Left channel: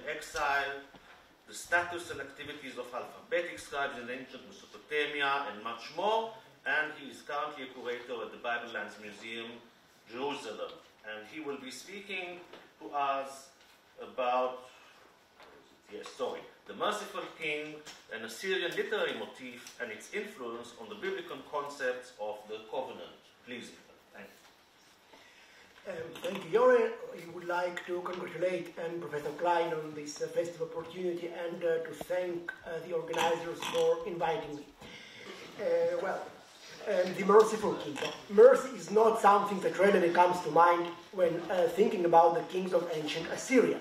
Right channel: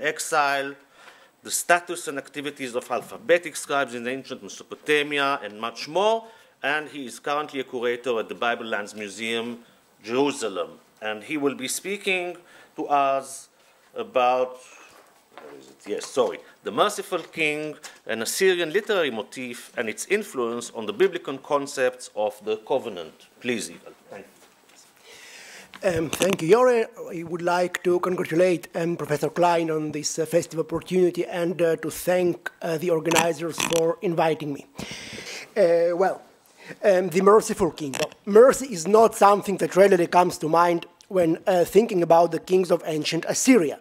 exile, the status and activities of alphabetic scribes in ancient Mesopotamia, and much more. And he is currently a curator at the Bible Lands Museum, Jerusalem. And he will be speaking to us about, the merciful king, an Assyrian literary motif, and its influence on the biblical concepts of the covenant. Please, Yigal. Thank you, Yore. I would like to congratulate Professor Klein on this festive opportunity and to thank the organizers for inviting me. The merciful king. Mercy is not something that readily comes to mind when thinking about the kings of ancient Assyria,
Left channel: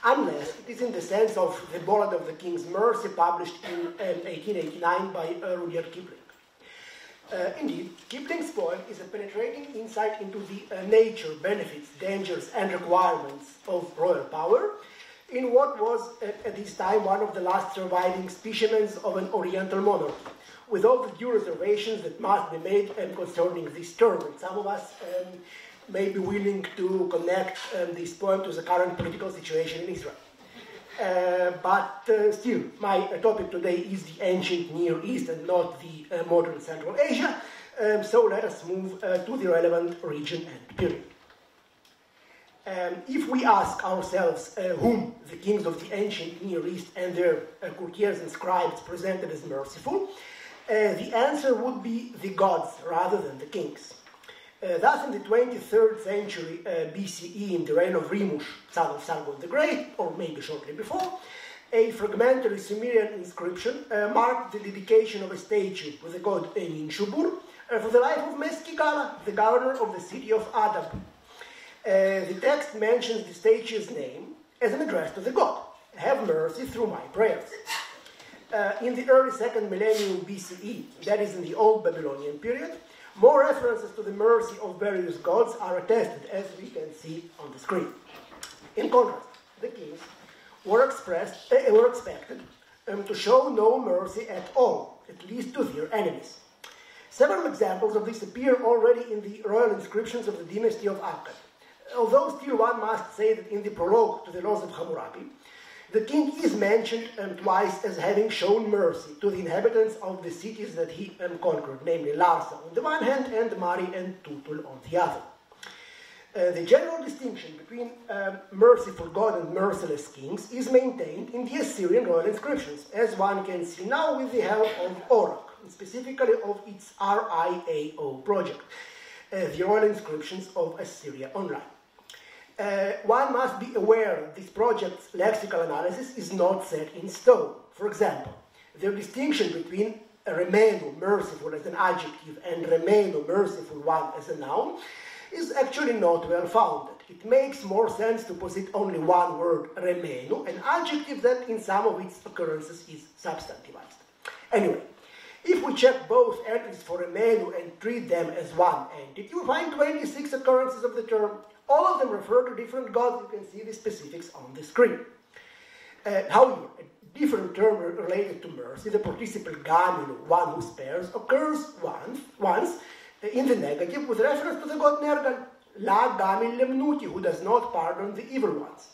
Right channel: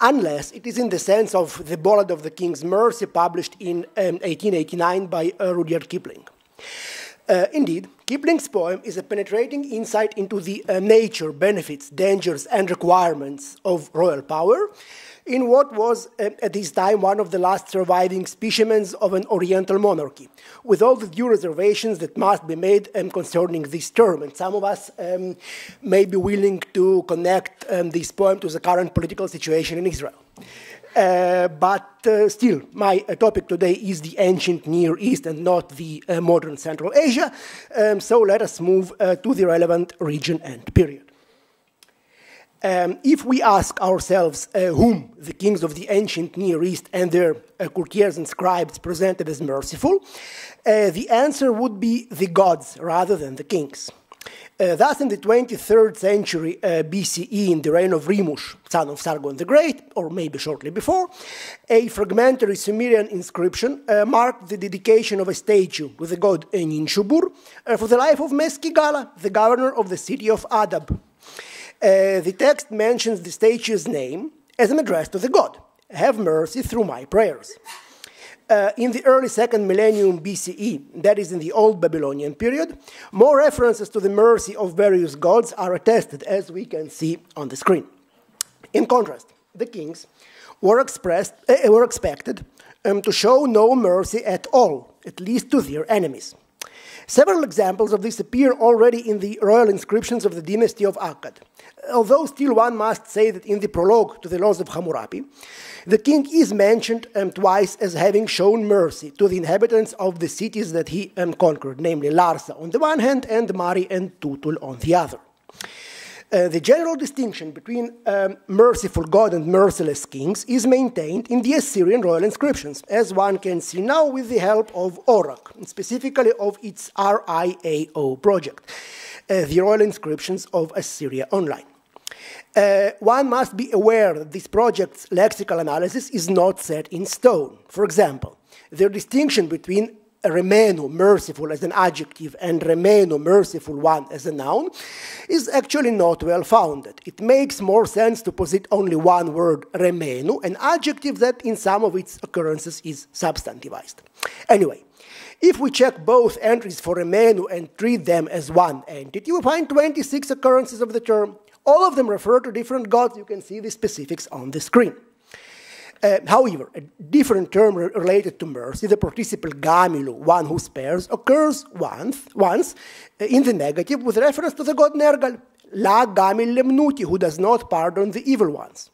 unless it is in the sense of the Ballad of the King's Mercy published in 1889 by Rudyard Kipling. Indeed, Kipling's poem is a penetrating insight into the nature, benefits, dangers, and requirements of royal power in what was, at this time, one of the last surviving specimens of an Oriental monarchy, with all the due reservations that must be made concerning this term. And some of us may be willing to connect this poem to the current political situation in Israel. But still, my topic today is the ancient Near East and not the modern Central Asia. So let us move to the relevant region and period. If we ask ourselves whom the kings of the ancient Near East and their courtiers and scribes presented as merciful, the answer would be the gods rather than the kings. Thus, in the 23rd century BCE, in the reign of Rimush, son of Sargon the Great, or maybe shortly before, a fragmentary Sumerian inscription marked the dedication of a statue with the god Ninshubur for the life of Meskigala, the governor of the city of Adab. The text mentions the statue's name as an address to the god, "Have mercy through my prayers." In the early 2nd millennium BCE, that is in the Old Babylonian period, more references to the mercy of various gods are attested, as we can see on the screen. In contrast, the kings were expected to show no mercy at all, at least to their enemies. Several examples of this appear already in the royal inscriptions of the dynasty of Akkad, although still one must say that in the prologue to the Laws of Hammurabi, the king is mentioned twice as having shown mercy to the inhabitants of the cities that he conquered, namely Larsa on the one hand and Mari and Tutul on the other. The general distinction between merciful God and merciless kings is maintained in the Assyrian royal inscriptions, as one can see now with the help of Orak, specifically of its RIAO project, the royal inscriptions of Assyria Online. One must be aware that this project's lexical analysis is not set in stone. For example, the distinction between remenu, merciful, as an adjective, and remenu, merciful one, as a noun, is actually not well founded. It makes more sense to posit only one word, remenu, an adjective that in some of its occurrences is substantivized. Anyway, if we check both entries for remenu and treat them as one entity, we find 26 occurrences of the term. All of them refer to different gods. You can see the specifics on the screen. However, a different term related to mercy, the participle gamilu, one who spares, occurs once in the negative with reference to the god Nergal, la gamil lemnuti, who does not pardon the evil ones.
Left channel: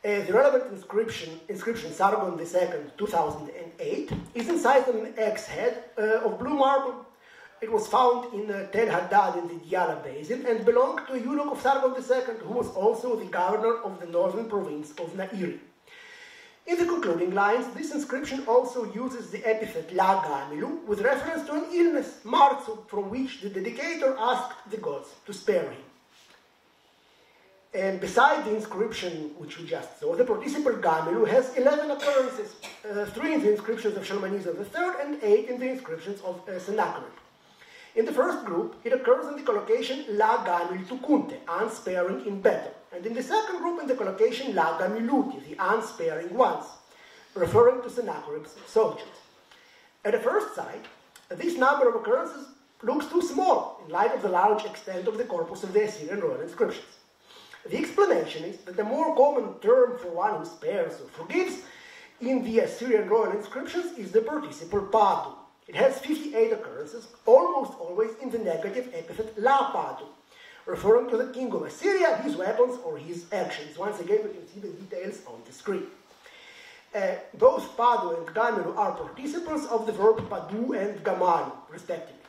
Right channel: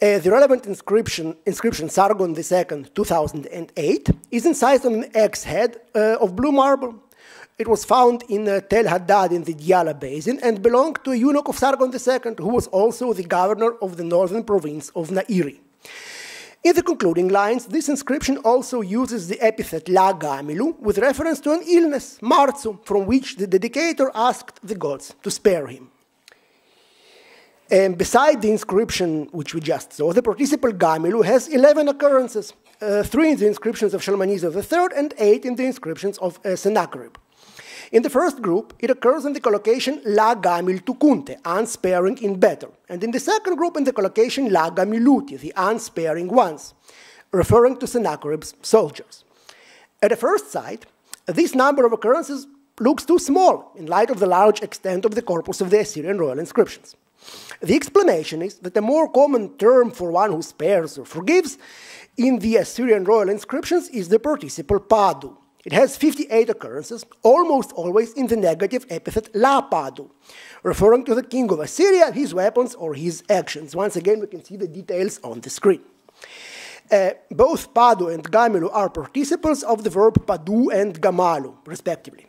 The relevant inscription Sargon II, 2008, is incised on an axe head of blue marble. It was found in Tel Haddad in the Diyala Basin and belonged to a eunuch of Sargon II, who was also the governor of the northern province of Nairi. In the concluding lines, this inscription also uses the epithet La Gamilu with reference to an illness, Marzu, from which the dedicator asked the gods to spare him. And beside the inscription which we just saw, the participle Gamilu has 11 occurrences, 3 in the inscriptions of Shalmaneser III and 8 in the inscriptions of Sennacherib. In the first group, it occurs in the collocation La Gamil Tukunte, unsparing in battle, and in the second group in the collocation La Gamiluti, the unsparing ones, referring to Sennacherib's soldiers. At a first sight, this number of occurrences looks too small in light of the large extent of the corpus of the Assyrian royal inscriptions. The explanation is that the more common term for one who spares or forgives in the Assyrian royal inscriptions is the participle Padu. It has 58 occurrences, almost always in the negative epithet La Padu, referring to the king of Assyria, his weapons, or his actions. Once again, we can see the details on the screen. Both padu and gamelu are participles of the verb padu and gamalu, respectively.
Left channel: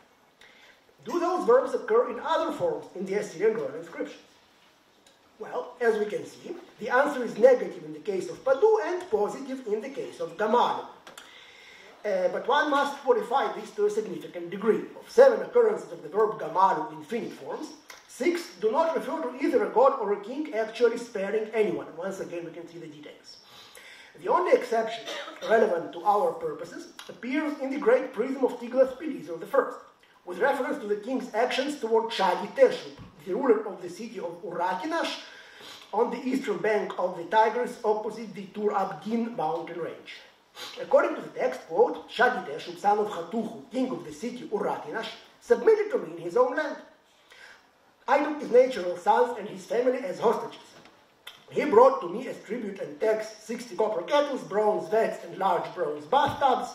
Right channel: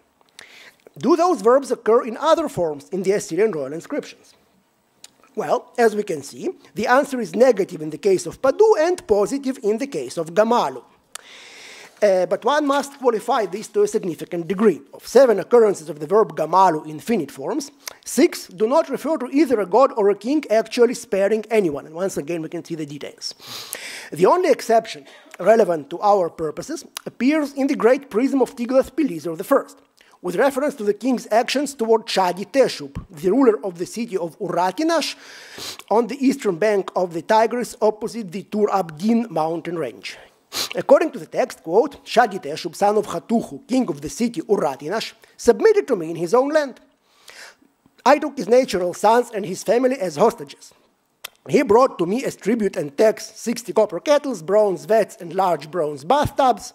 Do those verbs occur in other forms in the Assyrian royal inscriptions? Well, as we can see, the answer is negative in the case of padu and positive in the case of gamalu. But one must qualify this to a significant degree. Of 7 occurrences of the verb gamalu in finite forms, 6 do not refer to either a god or a king actually sparing anyone. Once again, we can see the details. The only exception relevant to our purposes appears in the great prism of Tiglath-Pileser I, with reference to the king's actions toward Shadi-Teshub, the ruler of the city of Uratinash, on the eastern bank of the Tigris opposite the Tur Abdin mountain range. According to the text, quote, Shadi-Teshub, son of Hatuhu, king of the city Uratinash, submitted to me in his own land. I took his natural sons and his family as hostages. He brought to me as tribute and tax 60 copper kettles, bronze vats, and large bronze bathtubs,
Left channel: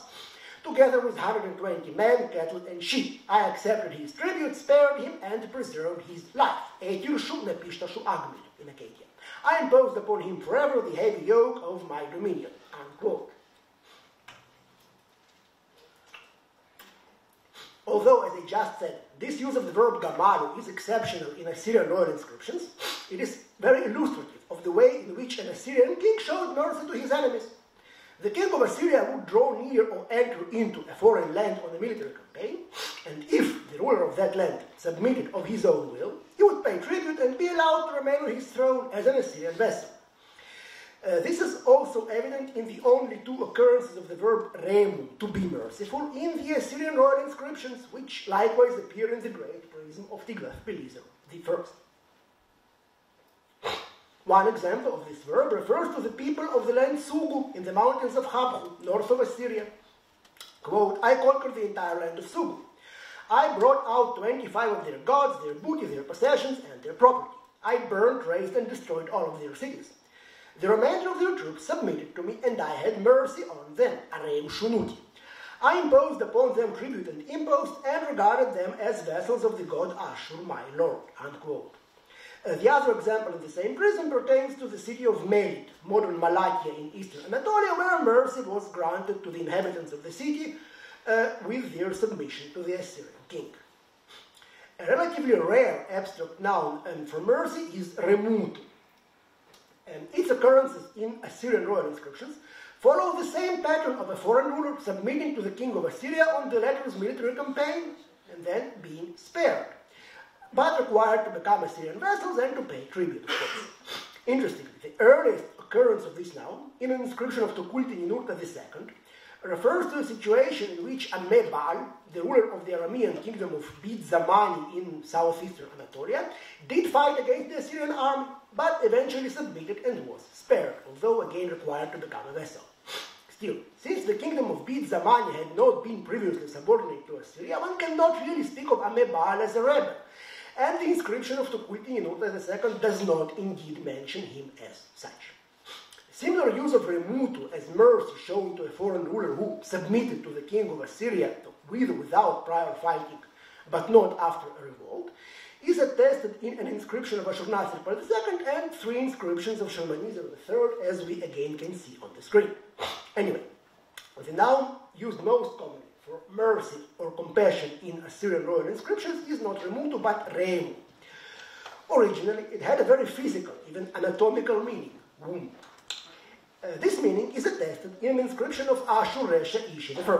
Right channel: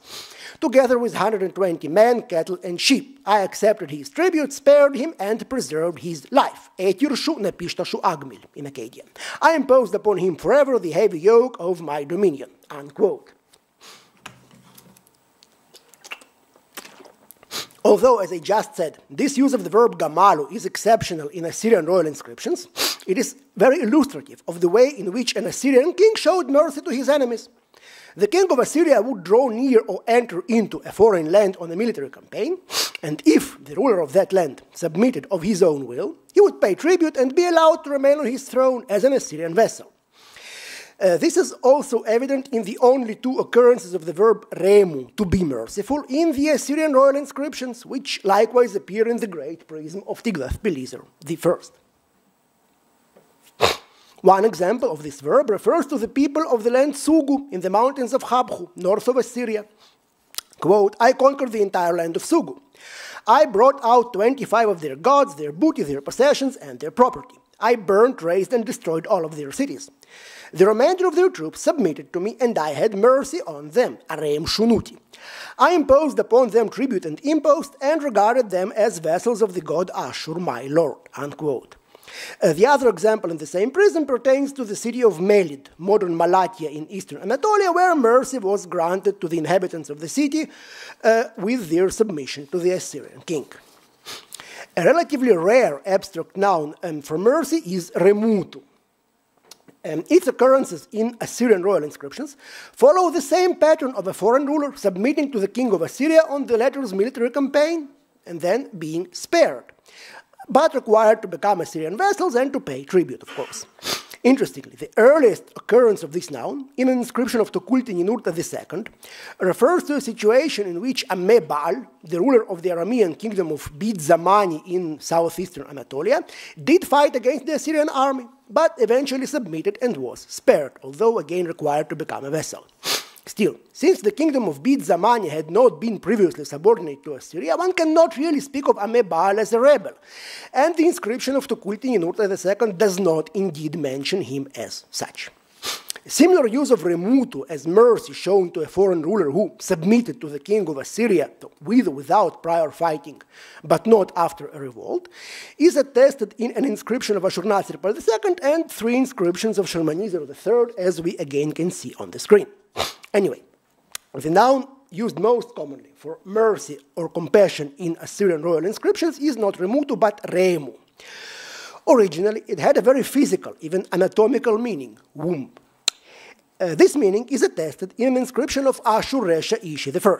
together with 120 men, cattle, and sheep. I accepted his tribute, spared him, and preserved his life. Etirshu nepishtashu agmil, in Akkadian. I imposed upon him forever the heavy yoke of my dominion. Unquote. Although, as I just said, this use of the verb gamalu is exceptional in Assyrian royal inscriptions, it is very illustrative of the way in which an Assyrian king showed mercy to his enemies. The king of Assyria would draw near or enter into a foreign land on a military campaign, and if the ruler of that land submitted of his own will, he would pay tribute and be allowed to remain on his throne as an Assyrian vassal. This is also evident in the only 2 occurrences of the verb remu, to be merciful, in the Assyrian royal inscriptions, which likewise appear in the great prism of Tiglath-Pileser I. One example of this verb refers to the people of the land Sugu in the mountains of Habchu, north of Assyria. Quote, I conquered the entire land of Sugu. I brought out 25 of their gods, their booty, their possessions, and their property. I burnt, razed, and destroyed all of their cities. The remainder of their troops submitted to me, and I had mercy on them. Arem Shunuti. I imposed upon them tribute and impost, and regarded them as vassals of the god Ashur, my lord. Unquote. The other example in the same prism pertains to the city of Melid, modern Malatya in eastern Anatolia, where mercy was granted to the inhabitants of the city with their submission to the Assyrian king. A relatively rare abstract noun for mercy is remutu. Its occurrences in Assyrian royal inscriptions follow the same pattern of a foreign ruler submitting to the king of Assyria on the latter's military campaign and then being spared, but required to become Assyrian vassals and to pay tribute, of course. Interestingly, the earliest occurrence of this noun, in an inscription of Tukulti-Ninurta II, refers to a situation in which Amebal, the ruler of the Aramean kingdom of Bid Zamani in southeastern Anatolia, did fight against the Assyrian army, but eventually submitted and was spared, although again required to become a vassal. Still, since the kingdom of Bid Zamani had not been previously subordinate to Assyria, one cannot really speak of Amebal as a rebel, and the inscription of Tukulti-Ninurta II does not indeed mention him as such. Similar use of remutu as mercy shown to a foreign ruler who submitted to the king of Assyria with or without prior fighting, but not after a revolt, is attested in an inscription of Ashurnasirpal II and 3 inscriptions of Shalmaneser III, as we again can see on the screen. Anyway, the noun used most commonly for mercy or compassion in Assyrian royal inscriptions is not remutu but remu. Originally, it had a very physical, even anatomical meaning, womb. This meaning is attested in an inscription of Ashur-Resha Ishi I.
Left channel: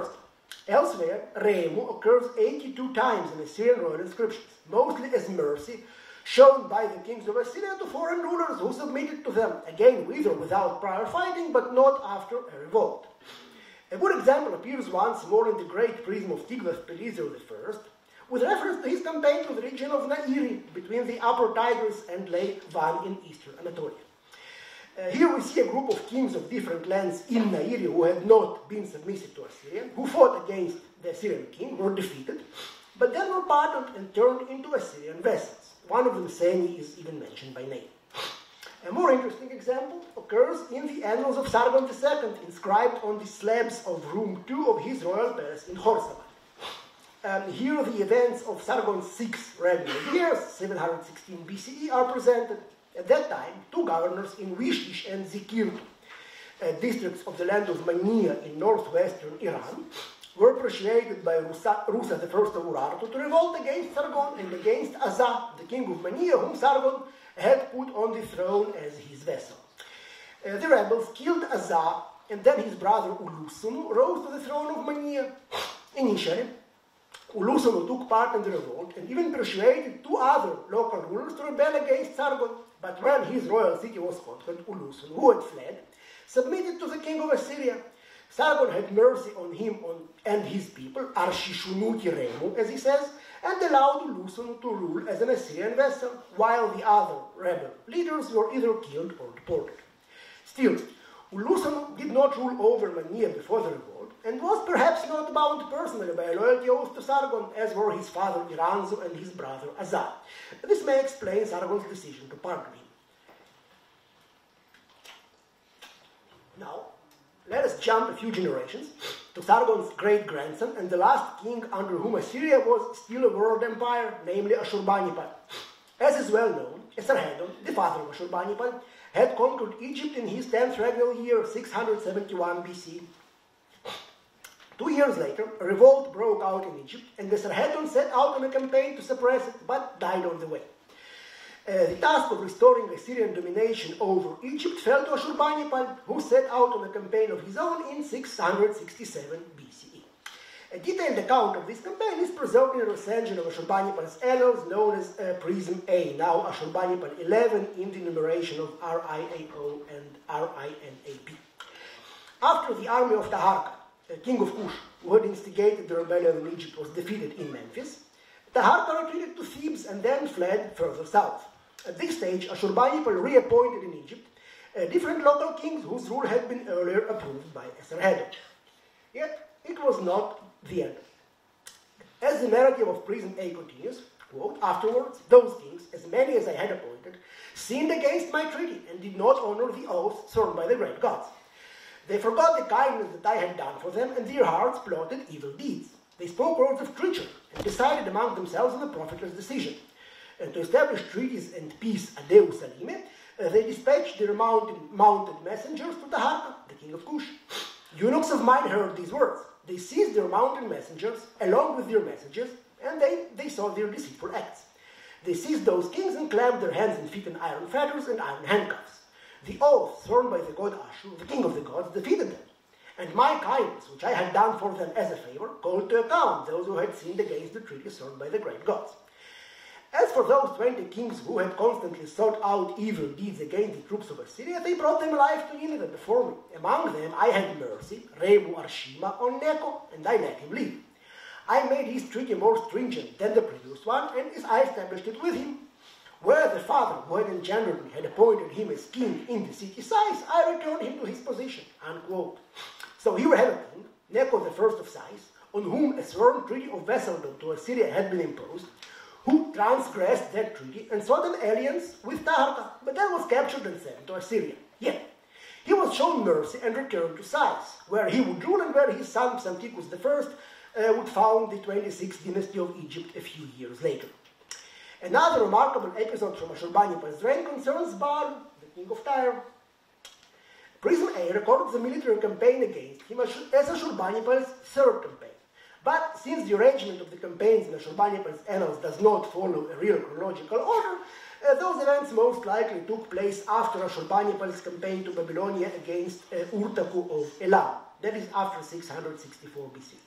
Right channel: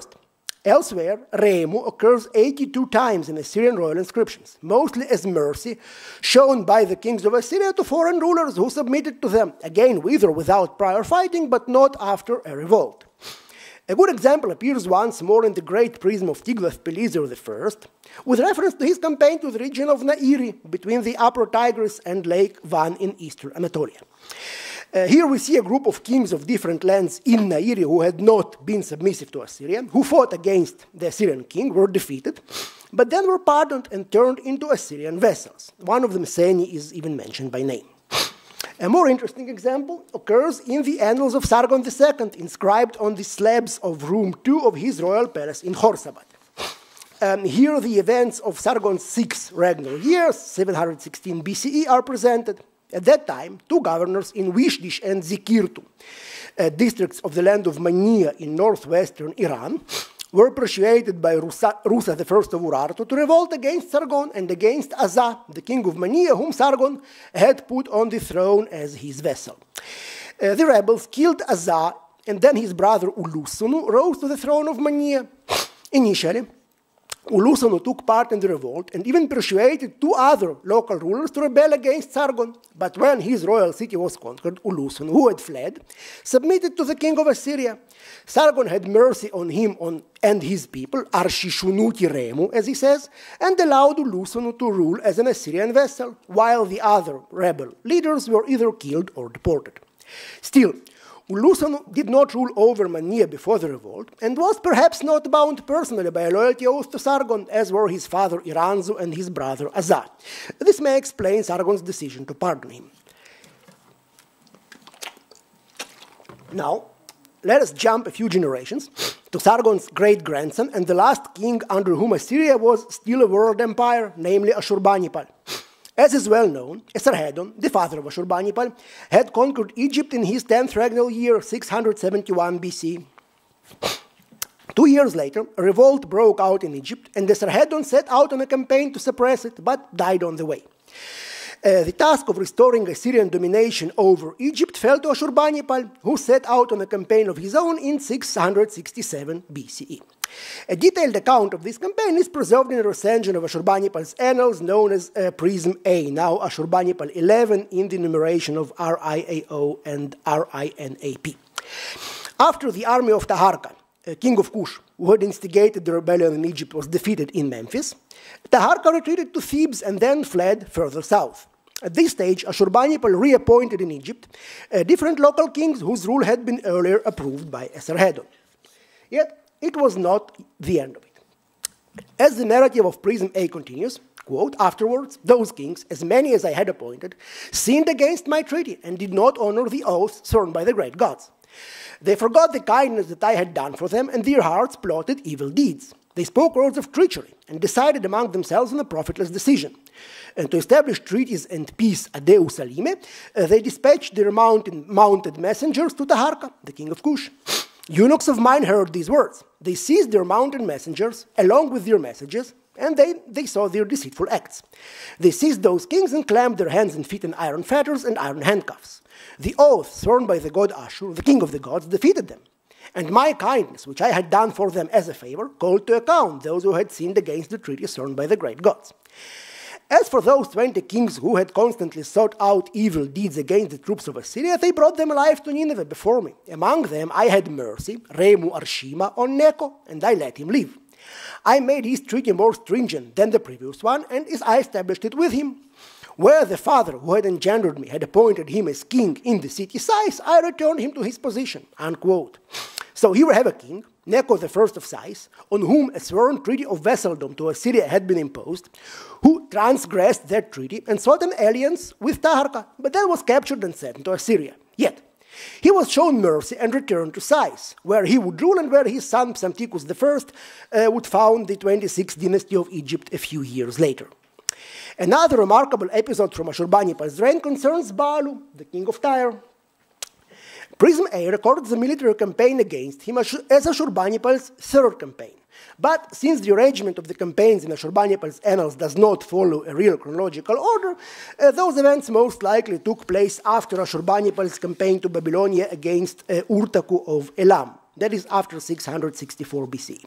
Elsewhere, remu occurs 82 times in Assyrian royal inscriptions, mostly as mercy shown by the kings of Assyria to foreign rulers who submitted to them, again with or without prior fighting, but not after a revolt. A good example appears once more in the great prism of Tiglath-Pileser I, with reference to his campaign to the region of Nairi, between the upper Tigris and Lake Van in eastern Anatolia. Here we see a group of kings of different lands in Nairi who had not been submissive to Assyria, who fought against the Assyrian king, were defeated, but then were pardoned and turned into Assyrian vassals. One of them, Seni, is even mentioned by name. A more interesting example occurs in the Annals of Sargon II, inscribed on the slabs of room 2 of his royal palace in Khorsabad. Here the events of Sargon's 6 regnal years, 716 BCE, are presented. At that time, 2 governors in Wishdish and Zikirtu, districts of the land of Mania in northwestern Iran, were persuaded by Rusa I of Urartu to revolt against Sargon and against Azza, the king of Mania, whom Sargon had put on the throne as his vassal. The rebels killed Azza, and then his brother Ulusunu rose to the throne of Mania. Initially, Ulusunu took part in the revolt and even persuaded 2 other local rulers to rebel against Sargon. But when his royal city was conquered, Ulusunu, who had fled, submitted to the king of Assyria. Sargon had mercy on him and his people, Arshishunuti Remu, as he says, and allowed Ulusunu to rule as an Assyrian vassal, while the other rebel leaders were either killed or deported. Still, Ulusunu did not rule over Mania before the revolt, and was perhaps not bound personally by a loyalty oath to Sargon, as were his father Iranzu and his brother Azza. This may explain Sargon's decision to pardon him. Now, let us jump a few generations to Sargon's great-grandson and the last king under whom Assyria was still a world empire, namely Ashurbanipal. As is well known, Esarhaddon, the father of Ashurbanipal, had conquered Egypt in his 10th regnal year, 671 BC. 2 years later, a revolt broke out in Egypt, and Esarhaddon set out on a campaign to suppress it, but died on the way. The task of restoring Assyrian domination over Egypt fell to Ashurbanipal, who set out on a campaign of his own in 667 BCE. A detailed account of this campaign is preserved in a recension of Ashurbanipal's annals known as Prism A, now Ashurbanipal 11 in the numeration of RIAO and RINAP. After the army of Taharka, king of Kush, who had instigated the rebellion in Egypt, was defeated in Memphis, Taharka retreated to Thebes and then fled further south. At this stage, Ashurbanipal reappointed in Egypt different local kings whose rule had been earlier approved by Esarhaddon. Yet, it was not the end of it. As the narrative of Prism A continues, quote, afterwards, those kings, as many as I had appointed, sinned against my treaty and did not honor the oaths sworn by the great gods. They forgot the kindness that I had done for them, and their hearts plotted evil deeds. They spoke words of treachery and decided among themselves on a profitless decision. And to establish treaties and peace ad Deu Salime, they dispatched their mounted messengers to Taharka, the king of Kush. Eunuchs of mine heard these words. They seized their mounted messengers along with their messages, and they saw their deceitful acts. They seized those kings and clamped their hands and feet in iron fetters and iron handcuffs. The oath sworn by the god Ashur, the king of the gods, defeated them. And my kindness, which I had done for them as a favor, called to account those who had sinned against the treaty sworn by the great gods. As for those 20 kings who had constantly sought out evil deeds against the troops of Assyria, they brought them alive to Nineveh before me. Among them I had mercy, Remu Arshima, on Necho, and I let him live. I made his treaty more stringent than the previous one, and I established it with him. Where the father who had engendered me had appointed him as king in the city Sais, I returned him to his position. Unquote. So here we have a king, Necho I of Sais, on whom a sworn treaty of vassaldom to Assyria had been imposed, who transgressed that treaty and sought an alliance with Taharka, but then was captured and sent to Assyria. Yet, he was shown mercy and returned to Sais, where he would rule and where his son Psamtikos I would found the 26th dynasty of Egypt a few years later. Another remarkable episode from Ashurbanipal's reign concerns Baalu, the king of Tyre. Prism A records the military campaign against him as Ashurbanipal's third campaign. But since the arrangement of the campaigns in Ashurbanipal's annals does not follow a real chronological order, those events most likely took place after Ashurbanipal's campaign to Babylonia against Urtaku of Elam, that is after 664 BC.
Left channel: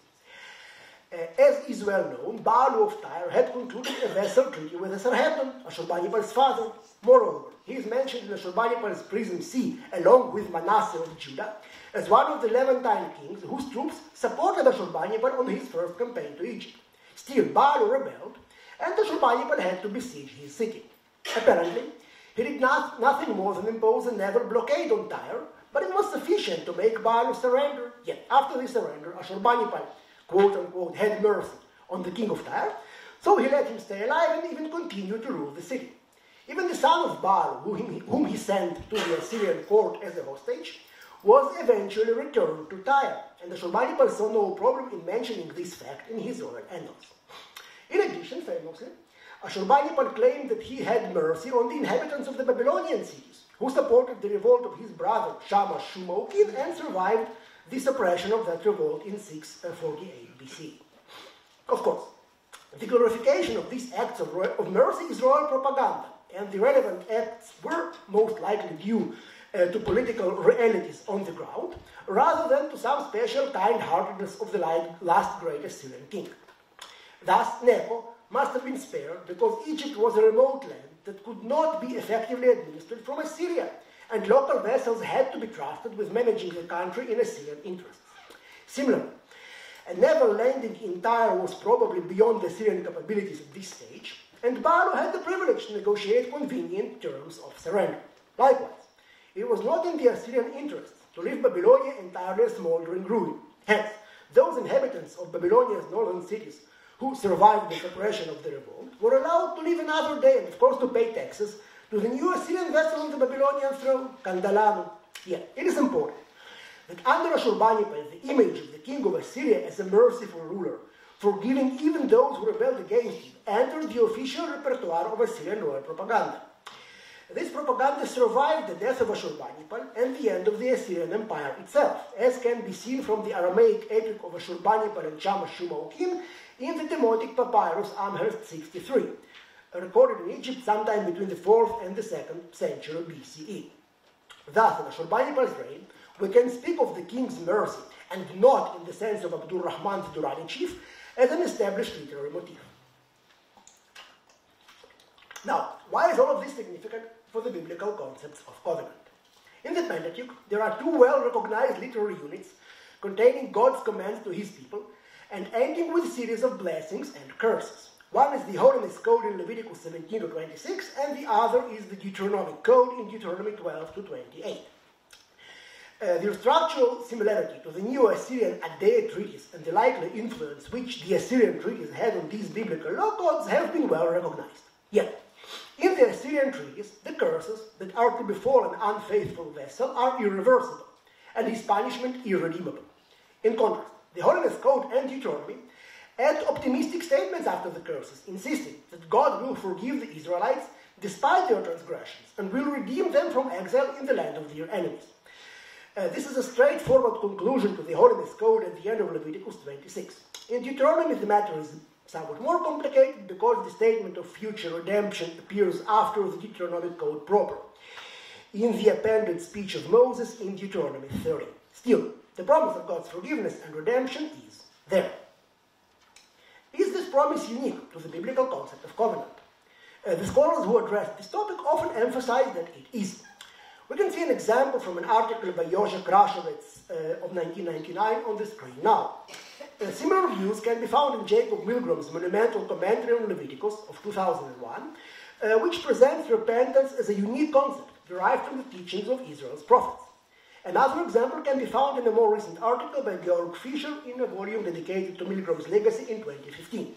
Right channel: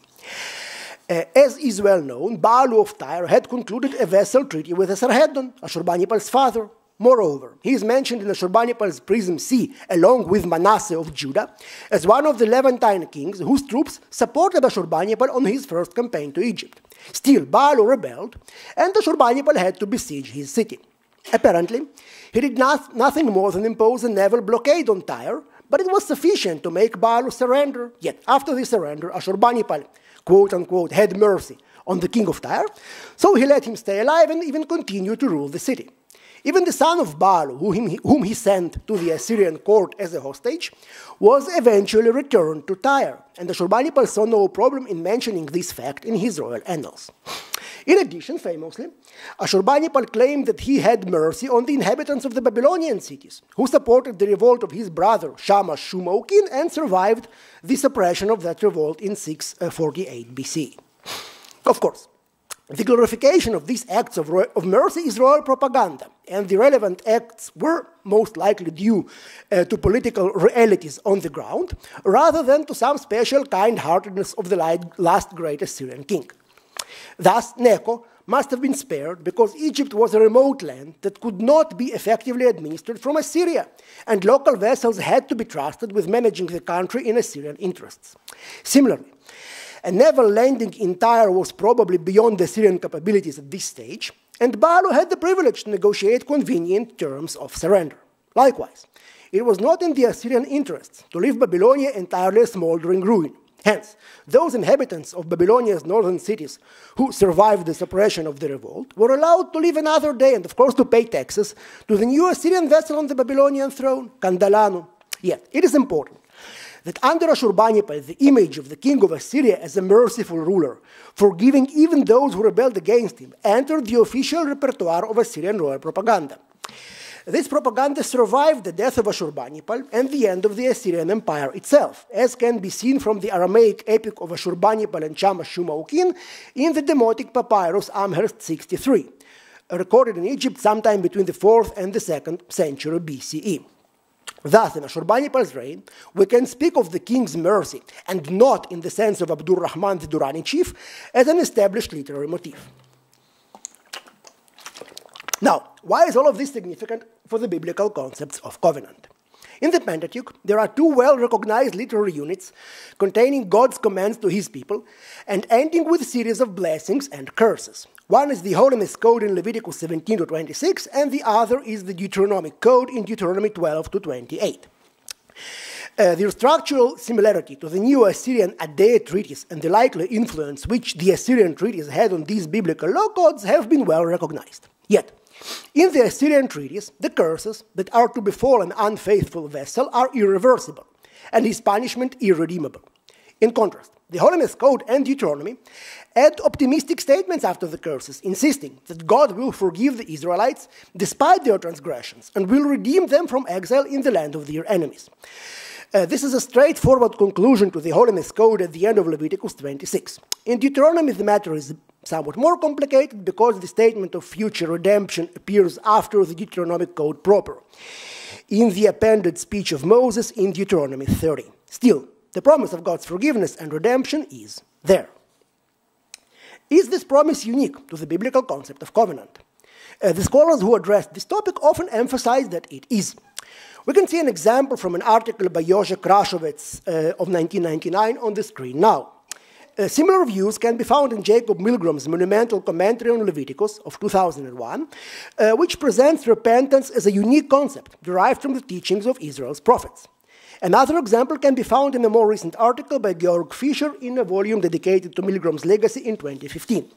As is well known, Baalu of Tyre had concluded a vassal treaty with Esarhaddon, Ashurbanipal's father. Moreover, he is mentioned in Ashurbanipal's Prism C, along with Manasseh of Judah, as one of the Levantine kings whose troops supported Ashurbanipal on his first campaign to Egypt. Still, Baalu rebelled, and Ashurbanipal had to besiege his city. Apparently, he did nothing more than impose a naval blockade on Tyre, but it was sufficient to make Baalu surrender. Yet, after the surrender, Ashurbanipal, quote-unquote, had mercy on the king of Tyre, so he let him stay alive and even continue to rule the city. Even the son of Baal, whom he sent to the Assyrian court as a hostage, was eventually returned to Tyre, and Ashurbanipal saw no problem in mentioning this fact in his royal annals. In addition, famously, Ashurbanipal claimed that he had mercy on the inhabitants of the Babylonian cities, who supported the revolt of his brother Shamash Shumokin and survived the suppression of that revolt in 648 BC. Of course, the glorification of these acts of mercy is royal propaganda, and the relevant acts were most likely due to political realities on the ground, rather than to some special kind-heartedness of the last great Assyrian king. Thus, Necho must have been spared because Egypt was a remote land that could not be effectively administered from Assyria, and local vassals had to be trusted with managing the country in Assyrian interests. Similarly, a naval landing in Tyre was probably beyond the Assyrian capabilities at this stage, and Baalo had the privilege to negotiate convenient terms of surrender. Likewise, it was not in the Assyrian interests to leave Babylonia entirely a smoldering ruin. Hence, those inhabitants of Babylonia's northern cities who survived the suppression of the revolt were allowed to live another day and, of course, to pay taxes to the new Assyrian vessel on the Babylonian throne, Kandalanu. Yet, it is important that under Ashurbanipal, the image of the king of Assyria as a merciful ruler, forgiving even those who rebelled against him, entered the official repertoire of Assyrian royal propaganda. This propaganda survived the death of Ashurbanipal and the end of the Assyrian Empire itself, as can be seen from the Aramaic epic of Ashurbanipal and Shamash Shumokin in the Demotic papyrus Amherst 63, recorded in Egypt sometime between the 4th and the 2nd century BCE. Thus, in Ashurbanipal's reign, we can speak of the king's mercy, and not in the sense of Abdur Rahman the Durrani chief, as an established literary motif. Now, why is all of this significant for the biblical concepts of covenant? In the Pentateuch, there are two well-recognized literary units containing God's commands to his people and ending with a series of blessings and curses. One is the Holiness Code in Leviticus 17 to 26, and the other is the Deuteronomic Code in Deuteronomy 12 to 28. Their structural similarity to the Neo-Assyrian Adé treatise and the likely influence which the Assyrian treatise had on these biblical law codes have been well recognized. Yet, in the Assyrian treatise, the curses that are to befall an unfaithful vessel are irreversible, and his punishment irredeemable. In contrast, the Holiness Code and Deuteronomy add optimistic statements after the curses, insisting that God will forgive the Israelites despite their transgressions and will redeem them from exile in the land of their enemies. This is a straightforward conclusion to the Holiness Code at the end of Leviticus 26. In Deuteronomy, the matter is somewhat more complicated because the statement of future redemption appears after the Deuteronomic Code proper, in the appended speech of Moses in Deuteronomy 30. Still, the promise of God's forgiveness and redemption is there. Is this promise unique to the biblical concept of covenant? The scholars who address this topic often emphasize that it is. We can see an example from an article by Jože Krašovec of 1999 on the screen now. Similar views can be found in Jacob Milgram's monumental commentary on Leviticus of 2001, which presents repentance as a unique concept derived from the teachings of Israel's prophets. Another example can be found in a more recent article by Georg Fischer in a volume dedicated to Milgram's legacy in 2015.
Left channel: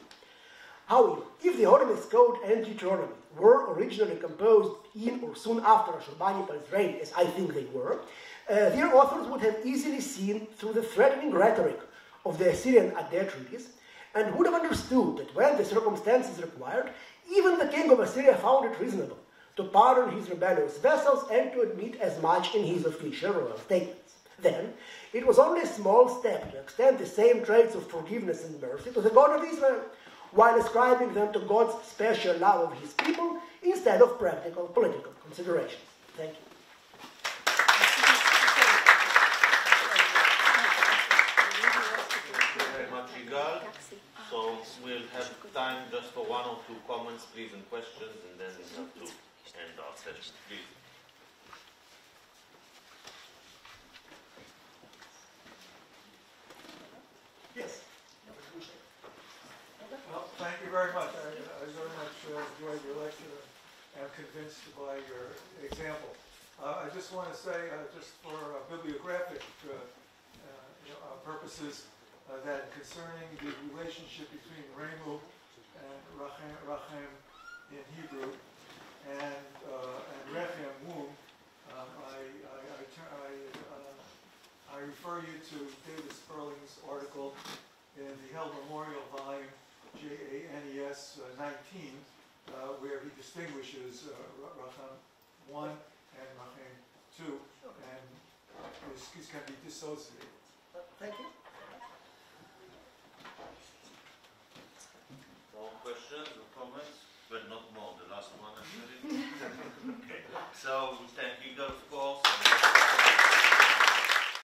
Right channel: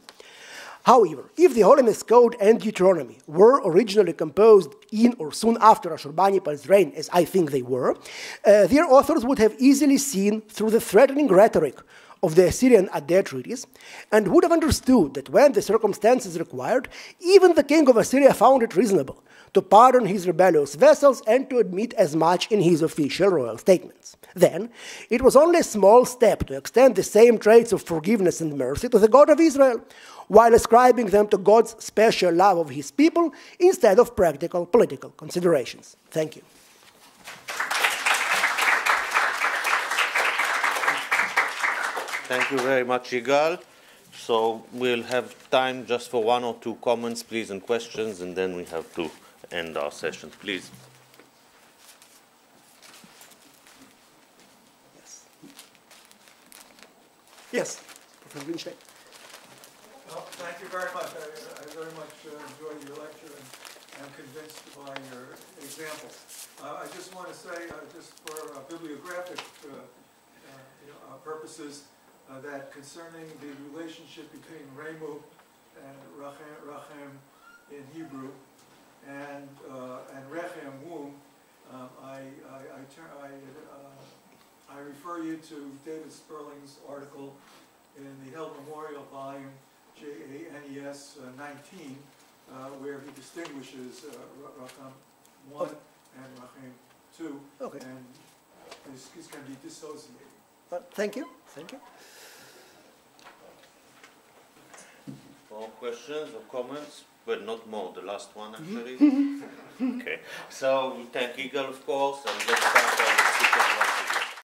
However, if the Holiness Code and Deuteronomy were originally composed in or soon after Ashurbanipal's reign, as I think they were, their authors would have easily seen through the threatening rhetoric of the Assyrian Adé treatise and would have understood that when the circumstances required, even the king of Assyria found it reasonable to pardon his rebellious vassals and to admit as much in his official royal statements. Then, it was only a small step to extend the same traits of forgiveness and mercy to the God of Israel, while ascribing them to God's special love of his people instead of practical political considerations. Thank you. Thank you very much, Yigal. So we'll have time just for one or two comments, please, and questions, and then we have to end our session. Please. Yes, Professor Winstein. Well, thank you very much. I very much enjoyed your lecture and am convinced by your examples. I just want to say, just for bibliographic purposes, that concerning the relationship between Remu and Rachem in Hebrew and you to David Sperling's article in the Held Memorial volume, JANES 19, where he distinguishes Racham 1 and Racham 2, Okay. and this can be dissociated. Well, thank you. Thank you. More questions or comments? Well, not more, the last one actually. Okay, so we thank Yigal, of course, and let's thank our speakers.